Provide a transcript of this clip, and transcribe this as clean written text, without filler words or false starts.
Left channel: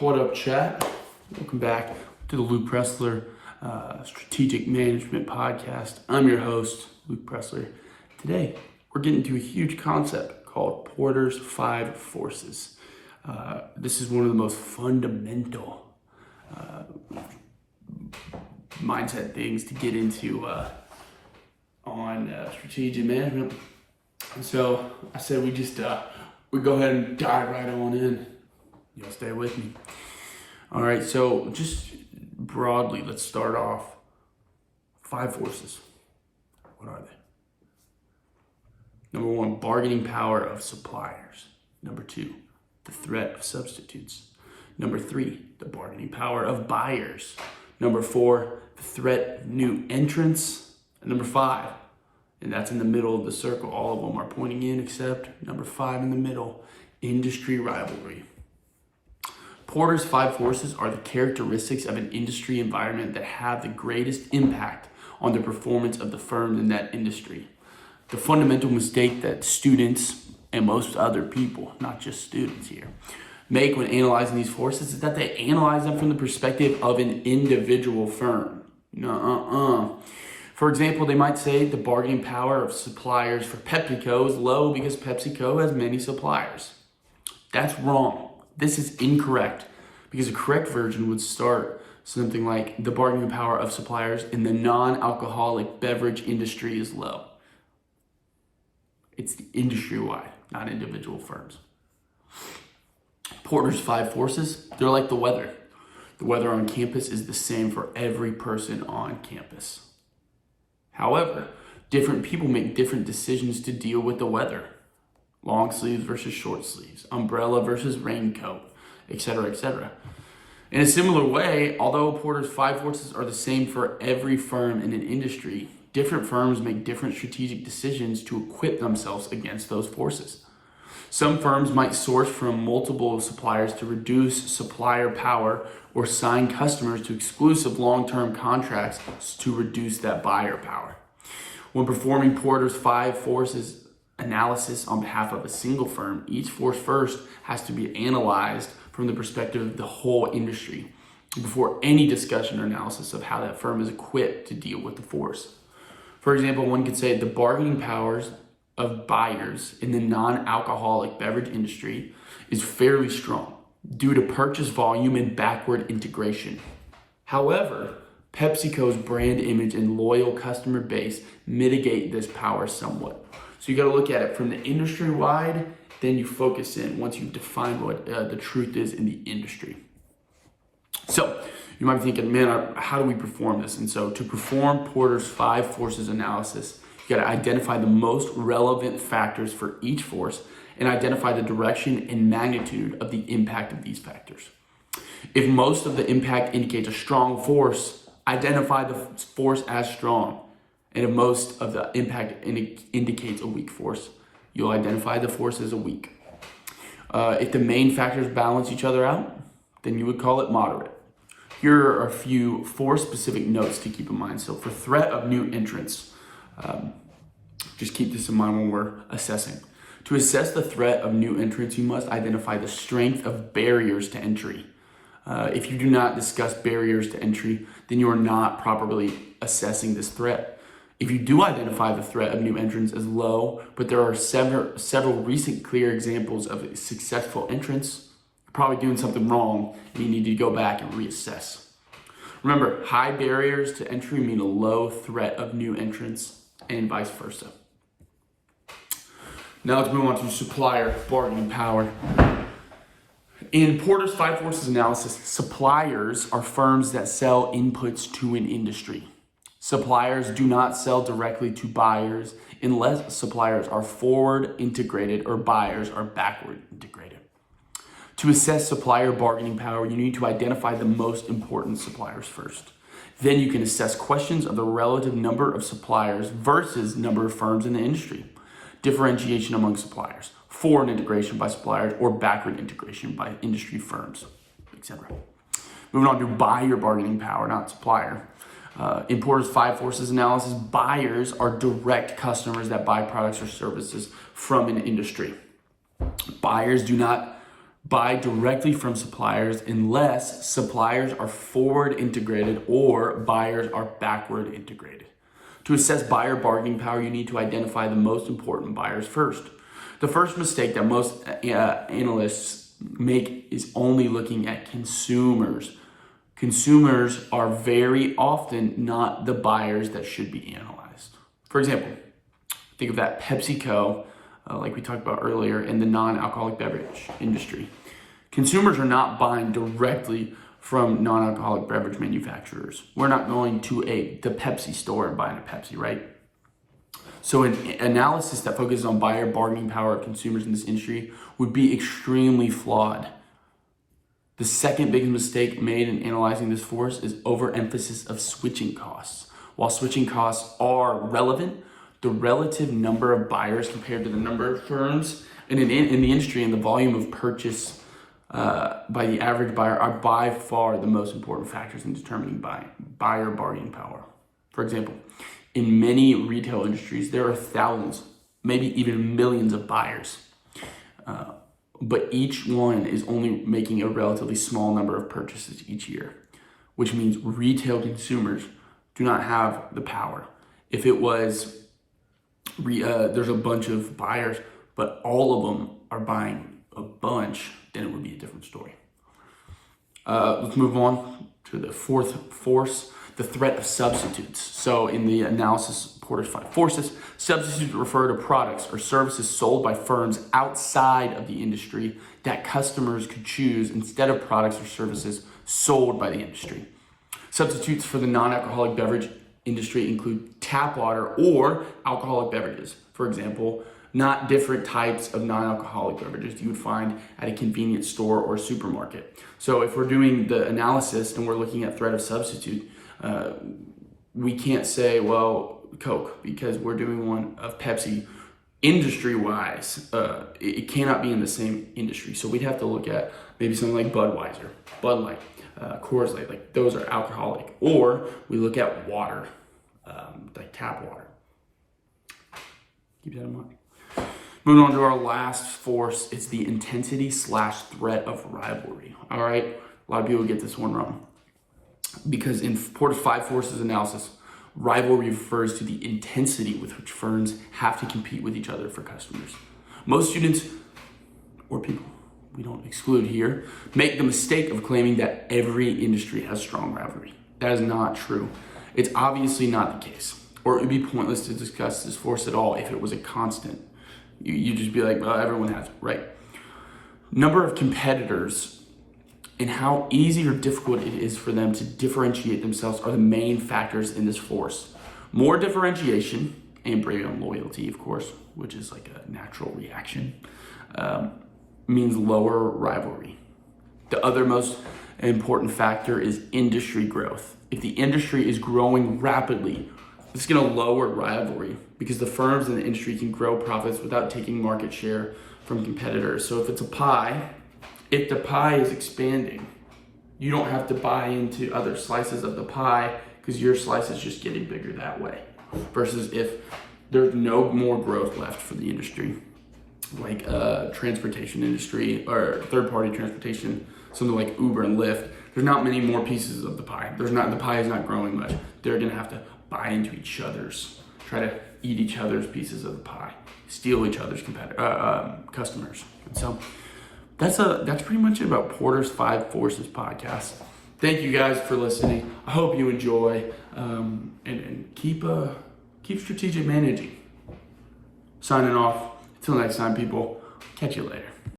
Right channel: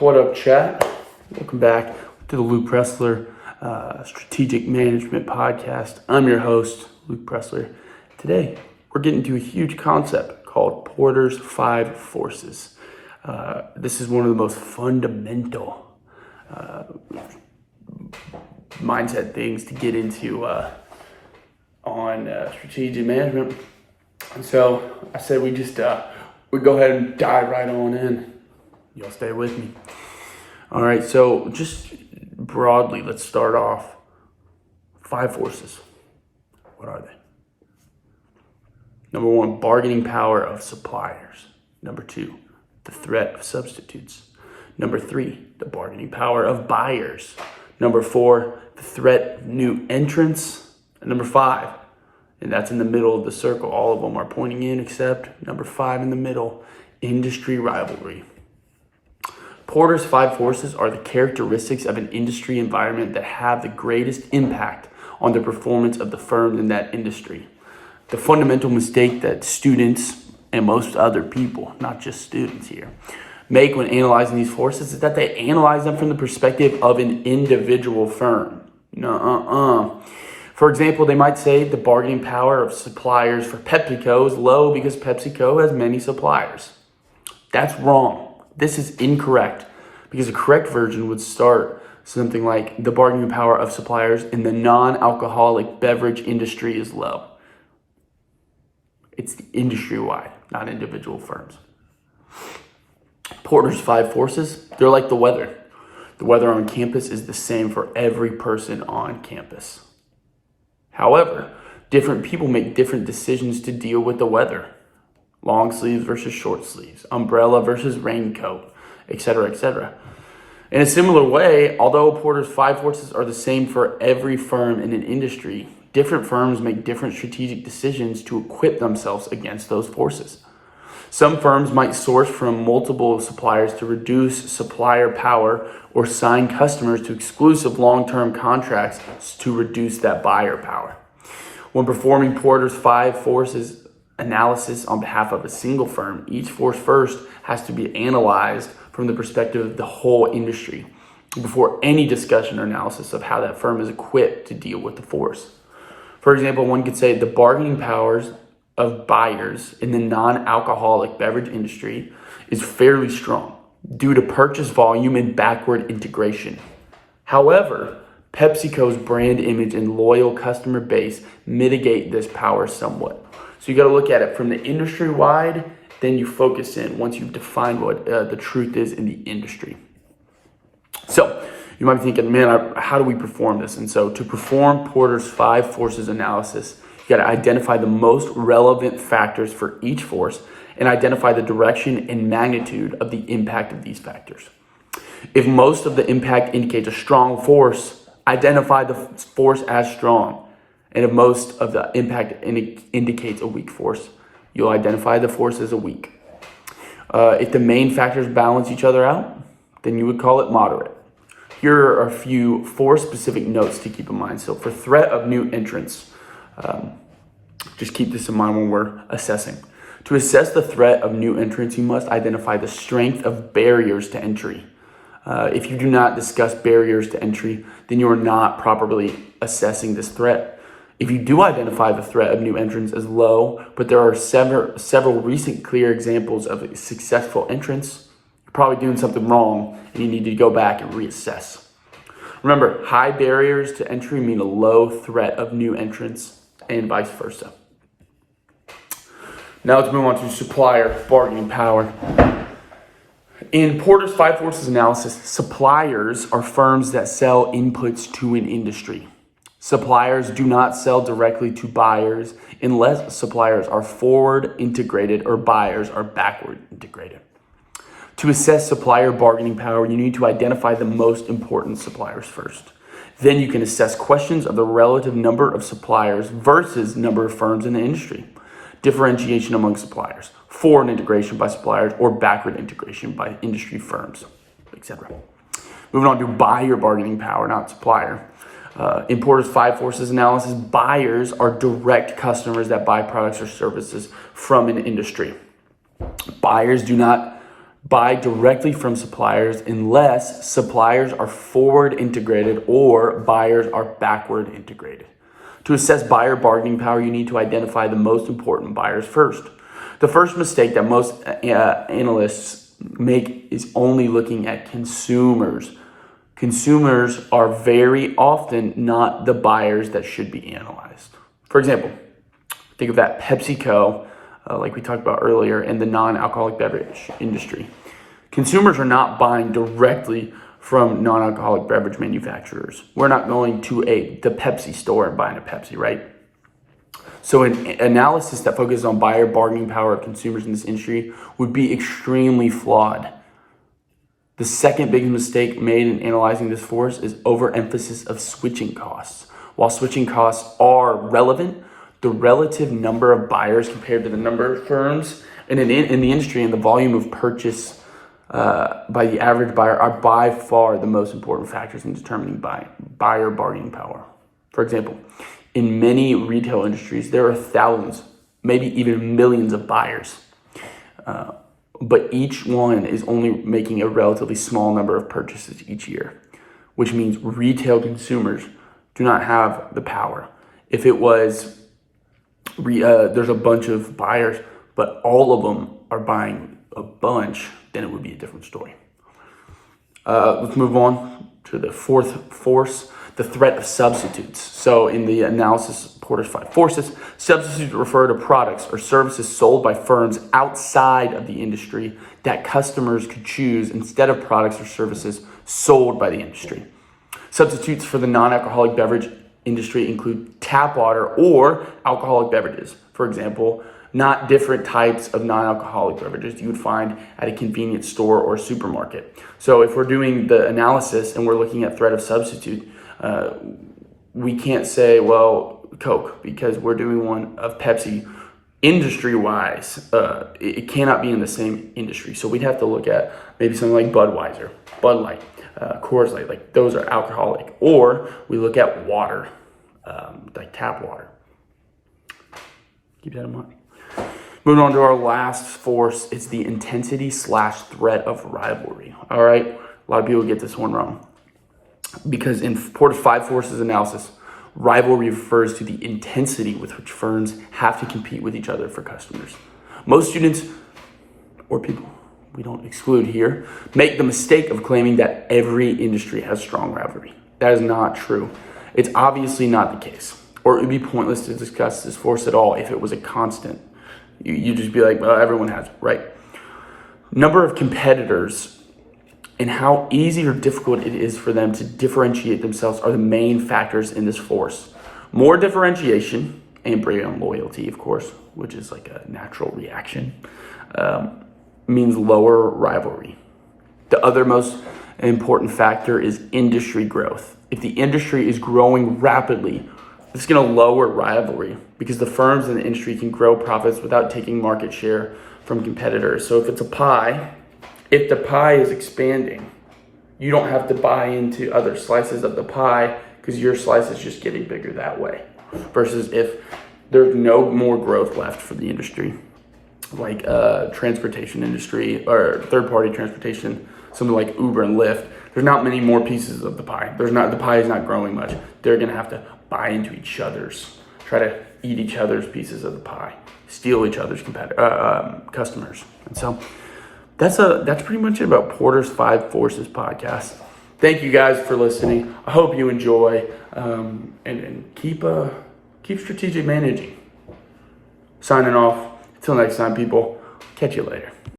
What up, chat? Welcome back to the Luke Pressler Strategic Management Podcast. I'm your host, Luke Pressler. Today, we're getting to a huge concept called Porter's 5 Forces. This is one of the most fundamental mindset things to get into on strategic management. And so I said we go ahead and dive right on in. You'll stay with me. All right, so just broadly, let's start off. 5 forces. What are they? Number 1, bargaining power of suppliers. Number 2, the threat of substitutes. Number 3, the bargaining power of buyers. Number 4, the threat of new entrants. And number 5, and that's in the middle of the circle. All of them are pointing in except number 5 in the middle, industry rivalry. Porter's 5 forces are the characteristics of an industry environment that have the greatest impact on the performance of the firm in that industry. The fundamental mistake that students and most other people, not just students here, make when analyzing these forces is that they analyze them from the perspective of an individual firm. For example, they might say the bargaining power of suppliers for PepsiCo is low because PepsiCo has many suppliers. That's wrong. This is incorrect because the correct version would start something like the bargaining power of suppliers in the non-alcoholic beverage industry is low. It's industry-wide, not individual firms. Porter's 5 forces, they're like the weather. The weather on campus is the same for every person on campus. However, different people make different decisions to deal with the weather. Long sleeves versus short sleeves, umbrella versus raincoat, etc., etc. In a similar way, although Porter's 5 forces are the same for every firm in an industry, different firms make different strategic decisions to equip themselves against those forces. Some firms might source from multiple suppliers to reduce supplier power or sign customers to exclusive long-term contracts to reduce that buyer power. When performing Porter's 5 forces analysis on behalf of a single firm, each force first has to be analyzed from the perspective of the whole industry before any discussion or analysis of how that firm is equipped to deal with the force. For example, one could say the bargaining powers of buyers in the non-alcoholic beverage industry is fairly strong due to purchase volume and backward integration. However, PepsiCo's brand image and loyal customer base mitigate this power somewhat. So you got to look at it from the industry wide, then you focus in once you've defined what the truth is in the industry. So you might be thinking, man, how do we perform this? And so to perform Porter's 5 forces analysis, you got to identify the most relevant factors for each force and identify the direction and magnitude of the impact of these factors. If most of the impact indicates a strong force, identify the force as strong. And if most of the impact indicates a weak force, you'll identify the force as a weak. If the main factors balance each other out, then you would call it moderate. Here are a few force-specific notes to keep in mind. So for threat of new entrants, just keep this in mind when we're assessing. To assess the threat of new entrants, you must identify the strength of barriers to entry. If you do not discuss barriers to entry, then you are not properly assessing this threat. If you do identify the threat of new entrants as low, but there are several recent clear examples of successful entrants, you're probably doing something wrong and you need to go back and reassess. Remember, high barriers to entry mean a low threat of new entrants and vice versa. Now let's move on to supplier bargaining power. In Porter's 5 forces analysis, suppliers are firms that sell inputs to an industry. Suppliers do not sell directly to buyers unless suppliers are forward integrated or buyers are backward integrated. To assess supplier bargaining power, you need to identify the most important suppliers first. Then you can assess questions of the relative number of suppliers versus number of firms in the industry, differentiation among suppliers, forward integration by suppliers, or backward integration by industry firms, etc. Moving on to buyer bargaining power, not supplier. In Porter's 5 forces analysis, buyers are direct customers that buy products or services from an industry. Buyers do not Buy directly from suppliers unless suppliers are forward integrated or buyers are backward integrated. To assess buyer bargaining power, you need to identify the most important buyers first. The first mistake that most analysts make is only looking at consumers. Consumers are very often not the buyers that should be analyzed. For example, think of that PepsiCo, like we talked about earlier, in the non-alcoholic beverage industry. Consumers are not buying directly from non-alcoholic beverage manufacturers. We're not going to the Pepsi store and buying a Pepsi, right? So an analysis that focuses on buyer bargaining power of consumers in this industry would be extremely flawed. The second biggest mistake made in analyzing this force is overemphasis of switching costs. While switching costs are relevant, the relative number of buyers compared to the number of firms in the industry and the volume of purchase by the average buyer are by far the most important factors in determining buyer bargaining power. For example, in many retail industries, there are thousands, maybe even millions of buyers, but each one is only making a relatively small number of purchases each year, which means retail consumers do not have the power. If it was, there's a bunch of buyers, but all of them are buying a bunch, then it would be a different story. Let's move on to the fourth force, the threat of substitutes. So in the analysis of Porter's 5 forces, substitutes refer to products or services sold by firms outside of the industry that customers could choose instead of products or services sold by the industry. Substitutes for the non-alcoholic beverage industry include tap water or alcoholic beverages. For example, not different types of non-alcoholic beverages you would find at a convenience store or supermarket. So if we're doing the analysis and we're looking at threat of substitute, we can't say, well, Coke, because we're doing one of Pepsi. Industry-wise, it cannot be in the same industry. So we'd have to look at maybe something like Budweiser, Bud Light, Coors Light, like those are alcoholic. Or we look at water, like tap water. Keep that in mind. Moving on to our last force, it's the intensity/threat of rivalry. All right, a lot of people get this one wrong. Because in Porter's 5 forces analysis, rivalry refers to the intensity with which firms have to compete with each other for customers. Most students, or people we don't exclude here, make the mistake of claiming that every industry has strong rivalry. That is not true. It's obviously not the case, or it would be pointless to discuss this force at all if it was a constant. You'd just be like, well, everyone has it, right? Number of competitors and how easy or difficult it is for them to differentiate themselves are the main factors in this force. More differentiation and brand loyalty, of course, which is like a natural reaction, means lower rivalry. The other most important factor is industry growth. If the industry is growing rapidly, it's going to lower rivalry because the firms in the industry can grow profits without taking market share from competitors. So if it's a pie, if the pie is expanding, you don't have to buy into other slices of the pie because your slice is just getting bigger that way. Versus if there's no more growth left for the industry, like transportation industry or third-party transportation, something like Uber and Lyft, there's not many more pieces of the pie. The pie is not growing much. They're gonna have to buy into each other's, try to eat each other's pieces of the pie, steal each other's customers. And so that's pretty much it about Porter's 5 Forces podcast. Thank you guys for listening. I hope you enjoy and keep strategic managing. Signing off. Until next time, people. Catch you later.